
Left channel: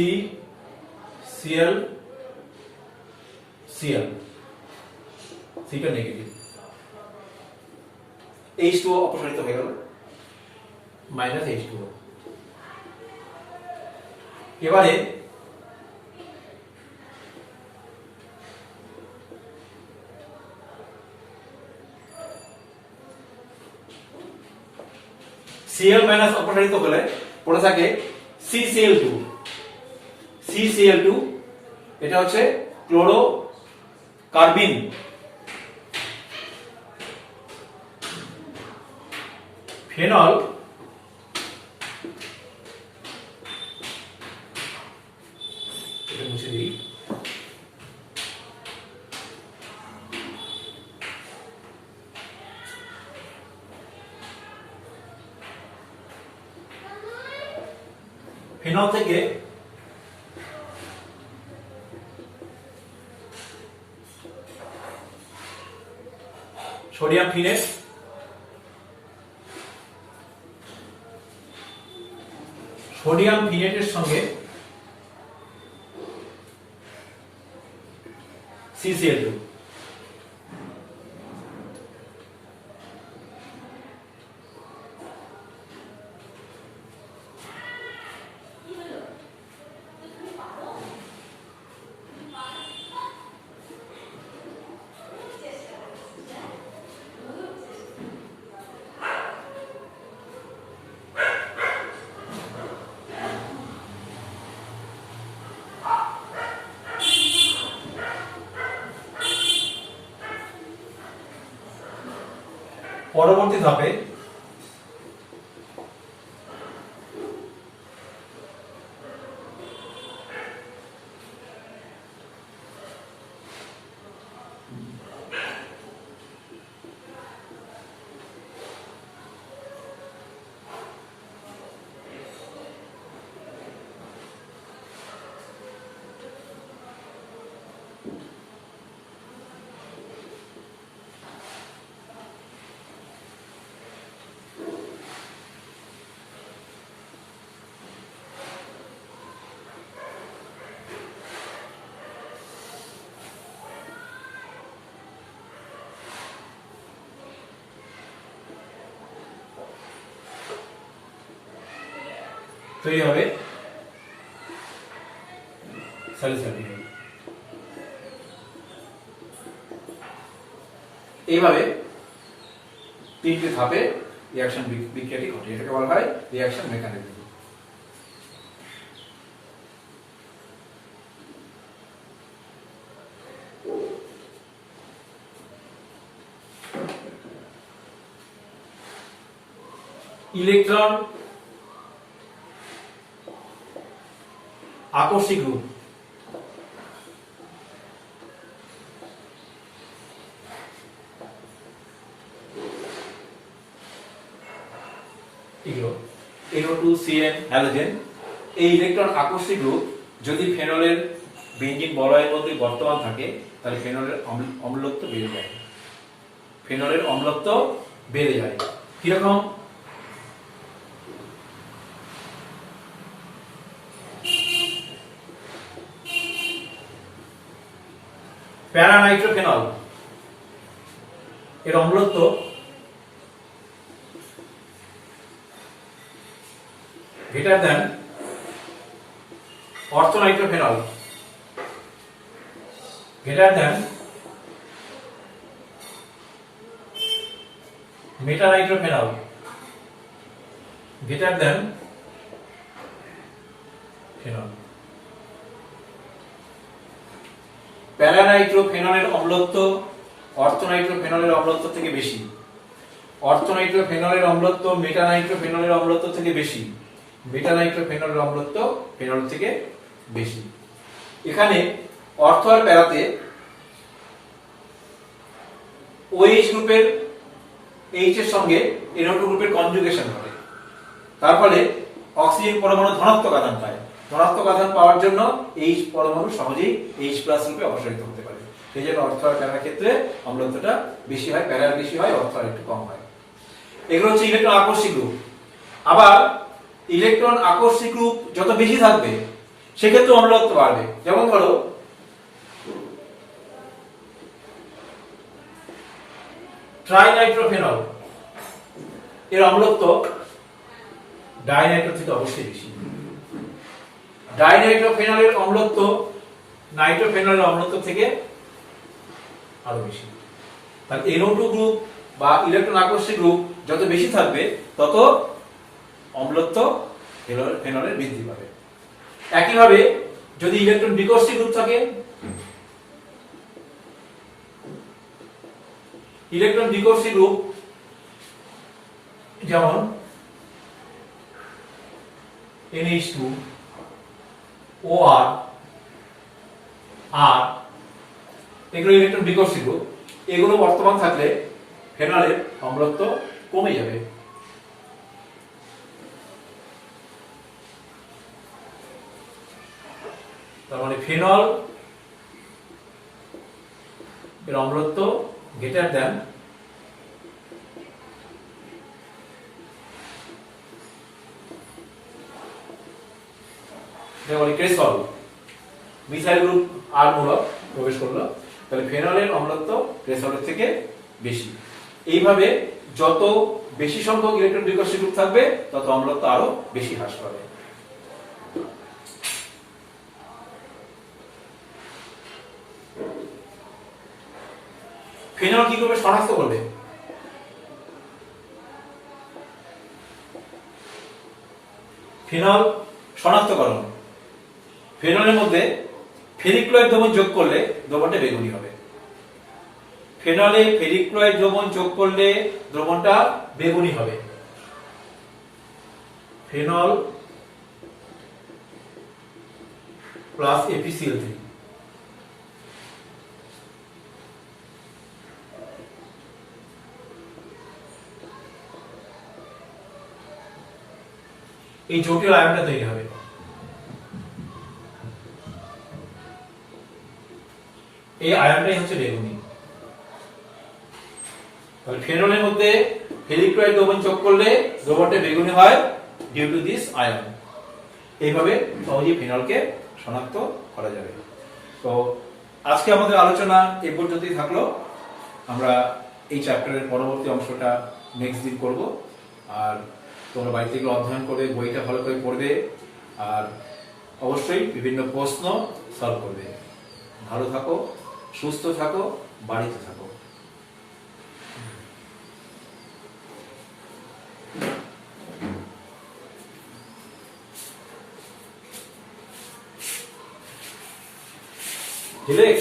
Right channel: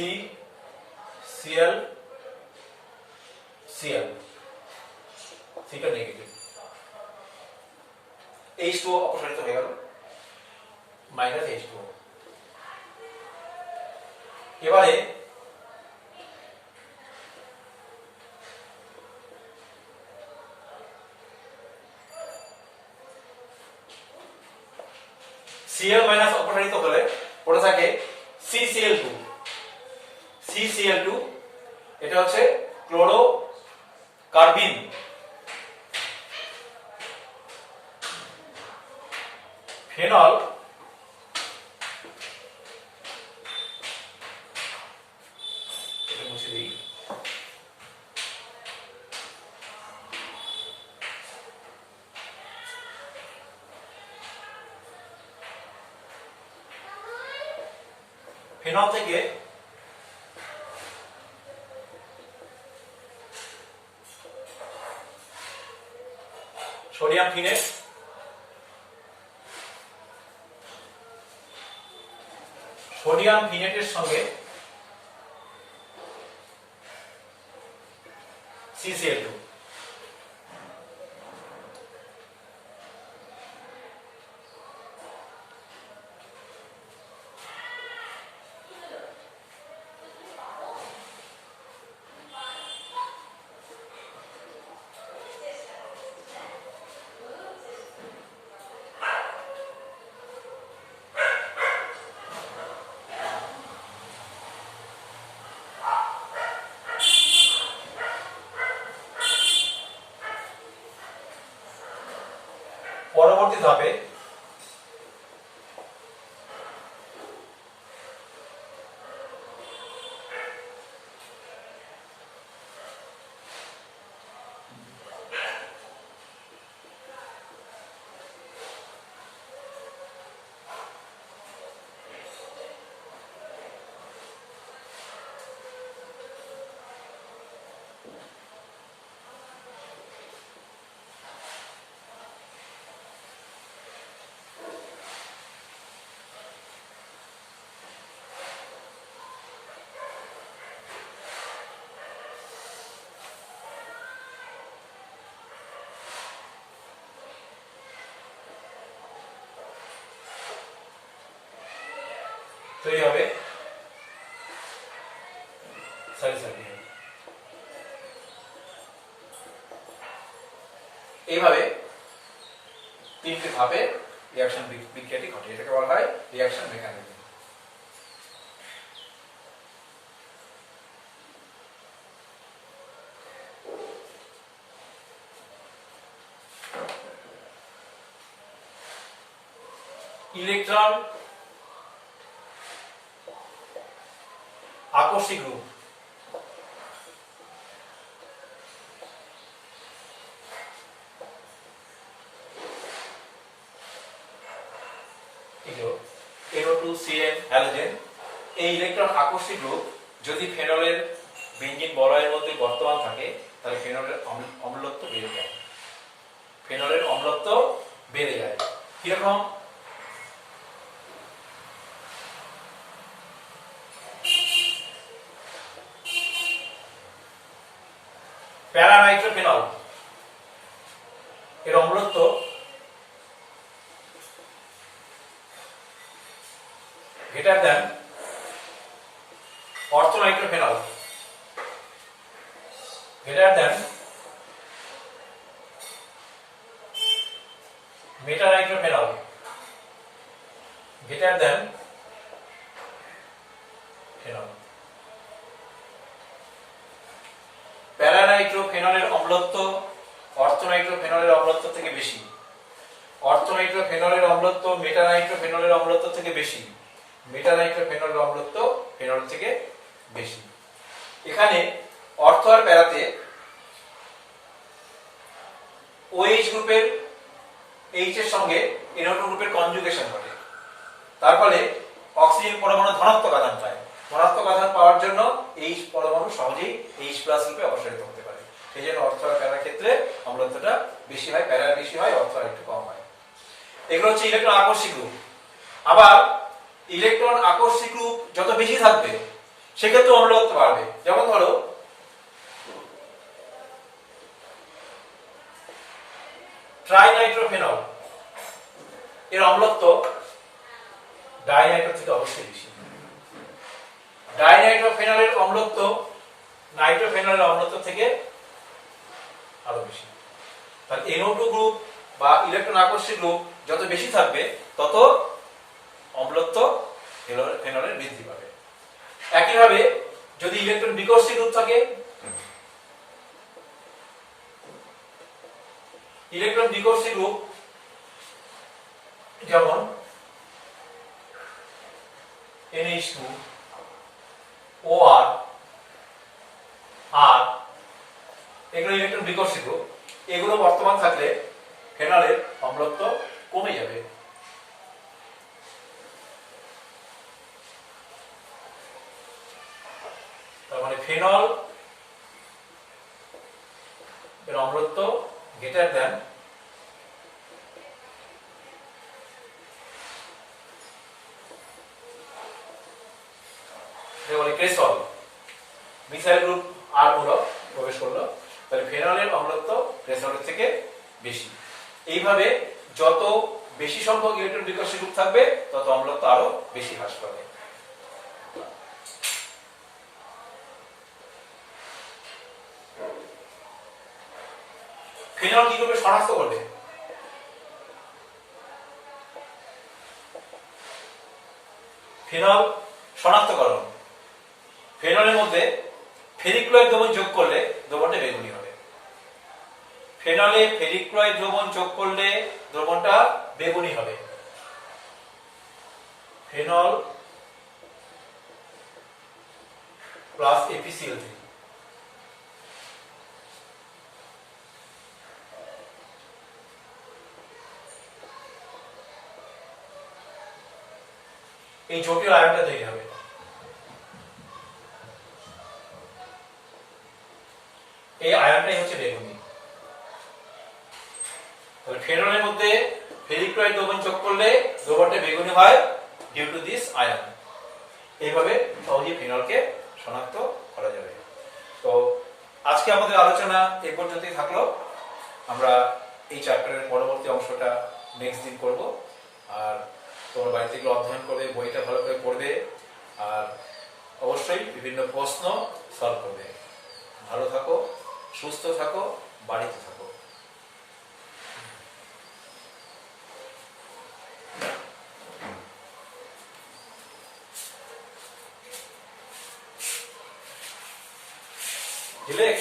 Cl Cl, সিটা নেগেটিভ, H2O অপসারিত হয়ে গেল মাইনাস H2O। এবারে Cl মাইনাস অপসারিত হলে পড়ে থাকে CCl2। CCl2 এটা হচ্ছে ক্লোরো কার্বিন। ফেনল এটা মুছে দিই। ফেনল থেকে সোডিয়াম ফিনেট, সোডিয়াম ফিনেটের সঙ্গে CCl2, পরবর্তী ধাপে তৈরি হবে স্যালিসাইলিক। এইভাবে তিনটি ধাপে রিঅ্যাকশন বিক্রিয়াটি ঘটে, এটাকে বলা হয় রিঅ্যাকশন মেকানিজম। ইলেকট্রন আকর্ষিক রূপ, NO2CN হ্যালোজেন। এই ইলেকট্রন আকর্ষিক রূপ যদি ফেনলের বেঞ্জিন বলয়ের মধ্যে বর্তমান থাকে তাহলে ফেনলের অম্লত্ব বেড়ে যায়, ফেনলের অম্লত্ব বেড়ে যায়। কিরকম? প্যারানাইট্রোফেনল এর অম্লত্ব greater than orthonitrophenol greater than metanitrophenol greater than phenol. প্যারানাইট্রোফেনলের অম্লত্ব অর্থোনাইট্রোফেনলের অম্লত্ব থেকে বেশি, অর্থোনাইট্রোফেনলের অম্লত্ব মেটানাইট্রোফেনলের অম্লত্ব থেকে বেশি, মেটানাইট্রোফেনলের অম্লত্ব ফেনল থেকে বেশি। এখানে অর্থ আর প্যারাতে OH গ্রুপের H এর সঙ্গে NO2 গ্রুপের কনজুগেশন হবে, তার ফলে অক্সিজেন পরমাণু ধনাত্মক আধান পায়। ধনাত্মক আধান পাওয়ার জন্য H পরমাণু সহজেই H+ গ্রুপে অপসারিত হতে পারে। সেই জন্য অর্থ আর প্যারার ক্ষেত্রে অম্লত্বটা বেশি হয়, প্যারার বেশি হয়, অর্থ আর একটু কম হয়। এগুলো হচ্ছে ইলেকট্রন আকর্ষী গ্রুপ। আবার ইলেকট্রন আকর্ষী গ্রুপ যত বেশি থাকবে সেক্ষেত্রে অম্লত্ব বাড়বে। যেমন ধরো ট্রাইনাইট্রোফেনল এর অম্লত্ব ডাইনাইট্রো থেকে অবশ্যই বেশি। ডাইনাইট্রোফেনলের অম্লত্ব নাইট্রোফেনলের অম্লত্ব থেকে আরো বেশি। তাহলে NO2 গ্রুপ বা ইলেকট্রন আকর্ষী গ্রুপ যত বেশি থাকবে তত অম্লত্ব ফেনলের বৃদ্ধি পাবে। একইভাবে যদি ইলেকট্রন বিকর্ষী গ্রুপ থাকে, ইলেকট্রন বিকর্ষী গ্রুপ যেমন NH2 OR R, এগুলো ইলেকট্রন বিকর্ষী গ্রুপ। এগুলো বর্তমান থাকলে ফেনলের অম্লত্ব কমে যাবে। তার মানে ফেনল এর অম্লত্ব গ্রেটার দেন ক্রেসল, মিথাইল গ্রুপ আর মূলক প্রবেশ করলো, তাহলে ফেনলের অম্লত্ব ক্রেসলের থেকে বেশি। এইভাবে যত বেশি সংখ্যক ইলেকট্রন বিকর্ষী গ্রুপ থাকবে তত অম্লত্ব আরো বেশি হ্রাস পাবে। ফেনল কি করবে? শনাক্ত করবে। ফেনল শনাক্তকরণ, ফেনলের মধ্যে ফেরিক ক্লোরাইড দ্রবণ যোগ করলে দ্রবণটা বেগুনি হবে। ফেনলে ফেরিক ক্লোরাইড দ্রবণ যোগ করলে দ্রবণটা বেগুনি হবে। ফেনল প্লাস FeCl3, এই জটিল আয়নটা তৈরি হবে। এই আয়নটাই হচ্ছে বেগুনি। তাহলে ফেনলের মধ্যে ফেরিক ক্লোরাইড দ্রবণ যোগ করলে দ্রবণটা বেগুনি হয় ডিউ টু দিস আয়ন। এইভাবে সহজেই ফেনলকে শনাক্ত করা যাবে। তো আজকে আমাদের আলোচনা এই পর্যন্তই থাকলো। আমরা এই চ্যাপ্টারের পরবর্তী অংশটা নেক্সট দিন করব। আর তোমরা বাড়িতে এগুলো অধ্যয়ন করবে, বইটা ভালো করে পড়বে, আর অবশ্যই বিভিন্ন প্রশ্ন সলভ করবে। ভালো থাকো, সুস্থ থাকো, বাড়িতে থাকো। ঠিক আছে।